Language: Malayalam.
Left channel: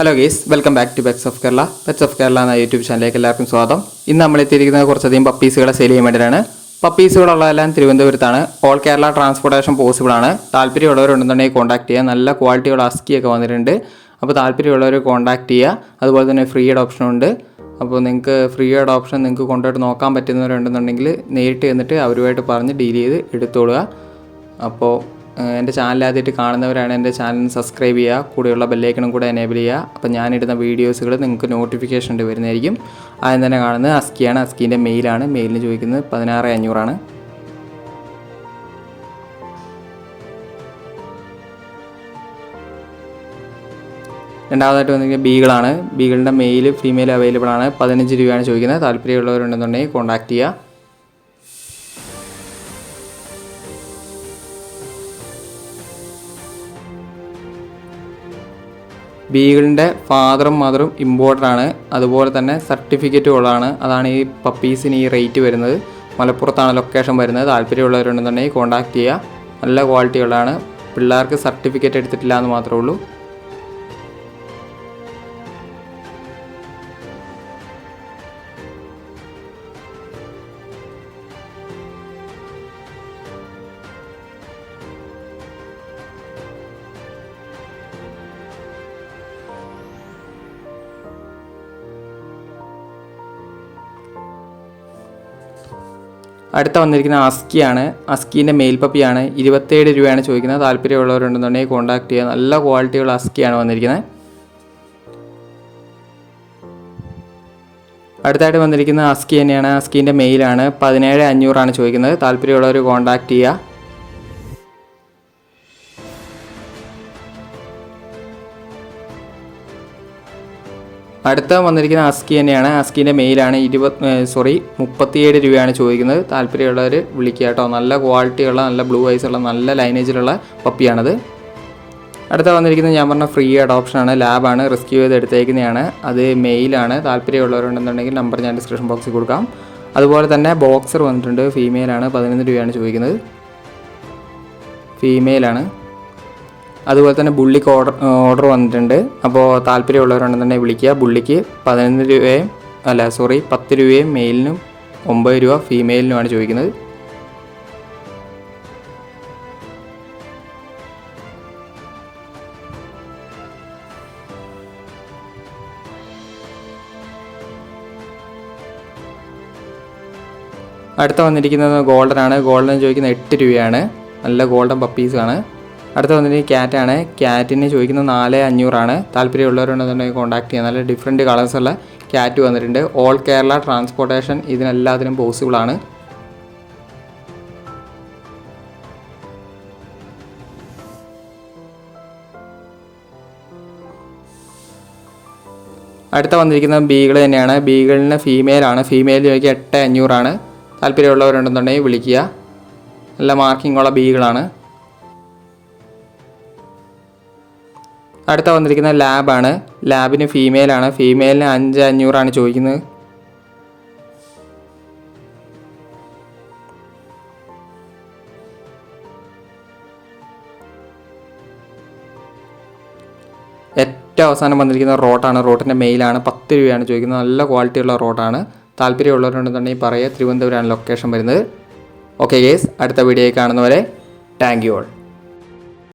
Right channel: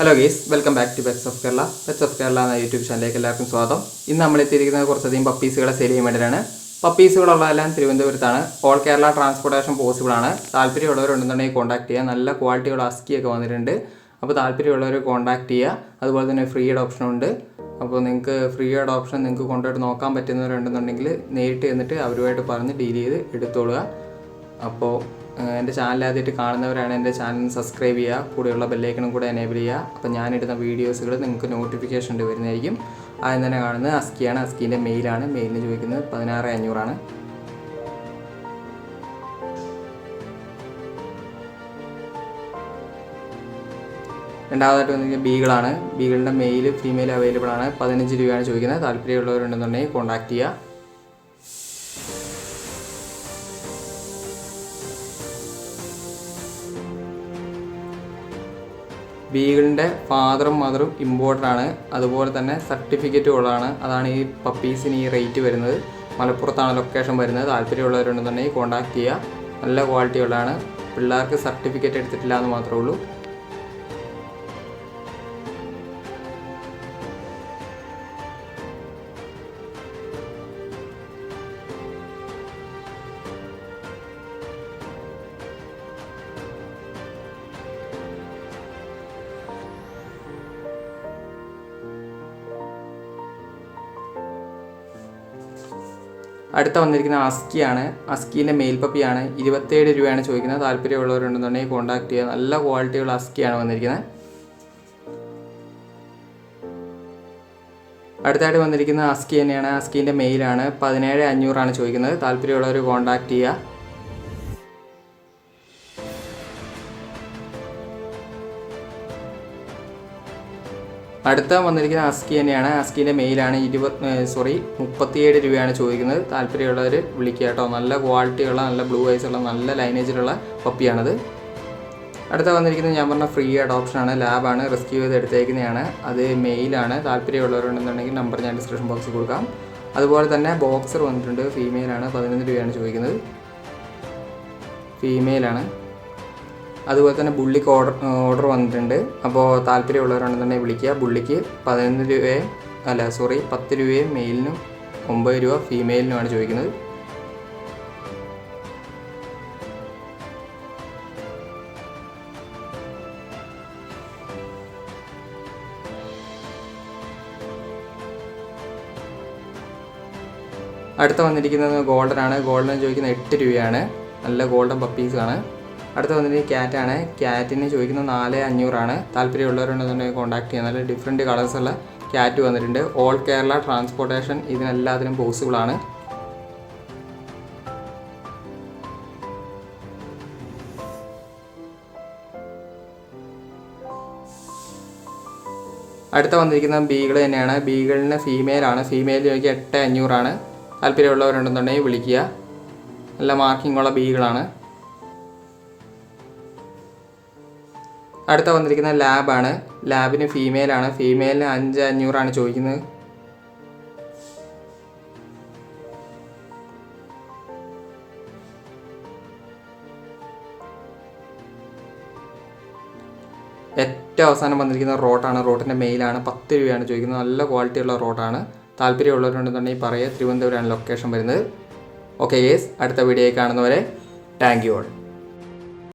Hello guys, welcome back to pets of Kerala. Pets of Kerala എന്ന യൂട്യൂബ് ചാനലിലേക്ക് എല്ലാവർക്കും സ്വാഗതം. ഇന്ന് നമ്മൾ എത്തിയിരിക്കുന്നത് കുറച്ചധികം പപ്പീസുകളെ സെയിൽ ചെയ്യാൻ വേണ്ടിയിട്ടാണ്. പപ്പീസുകളുള്ളതെല്ലാം തിരുവനന്തപുരത്താണ്. ഓൾ കേരള ട്രാൻസ്പോർട്ടേഷൻ പോസിബിൾ ആണ്. താല്പര്യമുള്ളവരുണ്ടെന്നുണ്ടെങ്കിൽ കോൺടാക്ട് ചെയ്യുക. നല്ല ക്വാളിറ്റിയുള്ള അസ്കിയൊക്കെ വന്നിട്ടുണ്ട്. അപ്പോൾ താല്പര്യമുള്ളവർ കോൺടാക്ട് ചെയ്യുക. അതുപോലെ തന്നെ ഫ്രീ അഡോപ്ഷൻ ഉണ്ട്. അപ്പോൾ നിങ്ങൾക്ക് ഫ്രീ അഡോപ്ഷൻ നിങ്ങൾക്ക് കൊണ്ടുപോയിട്ട് നോക്കാൻ പറ്റുന്നവരുണ്ടെന്നുണ്ടെങ്കിൽ നേരിട്ട് ചെന്നിട്ട് അവരുമായിട്ട് പറഞ്ഞ് ഡീൽ ചെയ്ത് എടുത്തോളുക. അപ്പോൾ എൻ്റെ ചാനൽ ആദ്യമായിട്ട് കാണുന്നവരാണ് എൻ്റെ ചാനൽ സബ്സ്ക്രൈബ് ചെയ്യുക, കൂടെയുള്ള ബെല്ലൈക്കണും കൂടെ എനേബിൾ ചെയ്യുക. അപ്പോൾ ഞാനിടുന്ന വീഡിയോസുകൾ നിങ്ങൾക്ക് നോട്ടിഫിക്കേഷൻ വരുന്നതായിരിക്കും. ആദ്യം തന്നെ കാണുന്നത് അസ്കിയാണ്. അസ്കീൻ്റെ മെയിലാണ്. മെയിലിന് ചോദിക്കുന്നത് 16,500. രണ്ടാമതായിട്ട് വന്നിരിക്കുന്നത് ബീഗിളാണ്. ബീഗിളിൻ്റെ മെയിൽ ഫീമെയിൽ അവൈലബിൾ ആണ്. 15 രൂപയാണ് ചോദിക്കുന്നത്. താല്പര്യമുള്ളവരുണ്ടെന്നുണ്ടെങ്കിൽ കോൺടാക്ട് ചെയ്യുക. ബീഗിളിൻ്റെ ഫാദറും മദറും ഇമ്പോർട്ടൻ്റാണ്. അതുപോലെ തന്നെ സർട്ടിഫിക്കറ്റും ഉള്ളതാണ്. അതാണ് ഈ പപ്പീസിന് ഈ റേറ്റ് വരുന്നത്. മലപ്പുറത്താണ് ലൊക്കേഷൻ വരുന്നത്. താല്പര്യമുള്ളവരുണ്ടെന്നുണ്ടെങ്കിൽ കോൺടാക്ട് ചെയ്യുക. നല്ല ക്വാളിറ്റി ഉള്ളതാണ്. പിള്ളേർക്ക് സർട്ടിഫിക്കറ്റ് എടുത്തിട്ടില്ല എന്ന് മാത്രമേ ഉള്ളൂ. അടുത്ത വന്നിരിക്കുന്ന അസ്കിയാണ്. അസ്കീൻ്റെ മെയിൽ പപ്പിയാണ്. 27 രൂപയാണ് ചോദിക്കുന്നത്. താല്പര്യമുള്ളവരുണ്ടെന്നുണ്ടെങ്കിൽ കോൺടാക്ട് ചെയ്യുക. നല്ല ക്വാളിറ്റിയുള്ള അസ്കിയാണ് വന്നിരിക്കുന്നത്. അടുത്തായിട്ട് വന്നിരിക്കുന്ന അസ്കി തന്നെയാണ്. അസ്കീൻ്റെ മെയിലാണ്. 17,500 ചോദിക്കുന്നത്. താല്പര്യമുള്ളവർ കോൺടാക്ട് ചെയ്യുക. അടുത്ത വന്നിരിക്കുന്ന അസ്കി തന്നെയാണ്. അസ്കീൻ്റെ മെയിലാണ്. 37 രൂപയാണ് ചോദിക്കുന്നത്. താല്പര്യമുള്ളവർ വിളിക്കുക കേട്ടോ. നല്ല ക്വാളിറ്റിയുള്ള, നല്ല ബ്ലൂ ഐസുള്ള, നല്ല ലൈനേജിലുള്ള പപ്പിയാണത്. അടുത്ത വന്നിരിക്കുന്നത് ഞാൻ പറഞ്ഞ ഫ്രീ അഡോപ്ഷനാണ്. ലാബാണ്. റെസ്ക്യൂ ചെയ്ത് എടുത്തേക്കുന്നതാണ്. അത് മെയിലാണ്. താല്പര്യമുള്ളവരുണ്ടെന്നുണ്ടെങ്കിൽ നമ്പർ ഞാൻ ഡിസ്ക്രിപ്ഷൻ ബോക്സിൽ കൊടുക്കാം. അതുപോലെ തന്നെ ബോക്സർ വന്നിട്ടുണ്ട്. ഫീമെയിലാണ്. 11 രൂപയാണ് ചോദിക്കുന്നത്. ഫീമെയിലാണ്. അതുപോലെ തന്നെ ബുള്ളിക്ക് ഓർഡർ വന്നിട്ടുണ്ട്. അപ്പോൾ താല്പര്യമുള്ളവരുണ്ടെന്നുണ്ടെങ്കിൽ വിളിക്കുക. ബുള്ളിക്ക് 10 രൂപയും മെയിലിനും 9 രൂപ ഫീമെയിലിനുമാണ് ചോദിക്കുന്നത്. അടുത്ത വന്നിരിക്കുന്നത് ഗോൾഡനാണ്. ഗോൾഡൻ ചോദിക്കുന്നത് 8 രൂപയാണ്. നല്ല ഗോൾഡൻ പപ്പീസാണ്. അടുത്ത വന്നിട്ട് ക്യാറ്റാണ്. ക്യാറ്റിന് ചോദിക്കുന്നത് 4,500. താല്പര്യമുള്ളവരുണ്ടെന്നുണ്ടെങ്കിൽ കോൺടാക്ട് ചെയ്യുക. നല്ല ഡിഫറെൻറ്റ് കളേഴ്സുള്ള ക്യാറ്റ് വന്നിട്ടുണ്ട്. ഓൾ കേരള ട്രാൻസ്പോർട്ടേഷൻ ഇതിനെല്ലാത്തിനും പോസിബിളാണ്. അടുത്ത വന്നിരിക്കുന്നത് ബീഗിൾ തന്നെയാണ്. ബീഗിളിന് ഫീമെയിലാണ്. ഫീമെയിൽ ചോദിക്കുക 8,500. താല്പര്യമുള്ളവരുണ്ടെന്നുണ്ടെങ്കിൽ വിളിക്കുക. നല്ല മാർക്കിങ്ങുള്ള ബീഗിളാണ്. അടുത്ത വന്നിരിക്കുന്ന ലാബാണ്. ലാബിന് ഫീമെയിലാണ്. ഫീമെയിലിന് 5,500 ചോദിക്കുന്നത്. ഏറ്റവും അവസാനം വന്നിരിക്കുന്ന റോട്ടാണ്. റോട്ടിൻ്റെ മെയിലാണ്. 10 രൂപയാണ് ചോദിക്കുന്നത്. നല്ല ക്വാളിറ്റിയുള്ള റോട്ടാണ്. താല്പര്യമുള്ളവരുണ്ടെന്നുണ്ടെങ്കിൽ പറയുക. തിരുവനന്തപുരമാണ് ലൊക്കേഷൻ വരുന്നത്. ഓക്കെ ഗേസ്, അടുത്ത വീഡിയോയിൽ കാണുന്നവരെ താങ്ക് യു ഓൾ.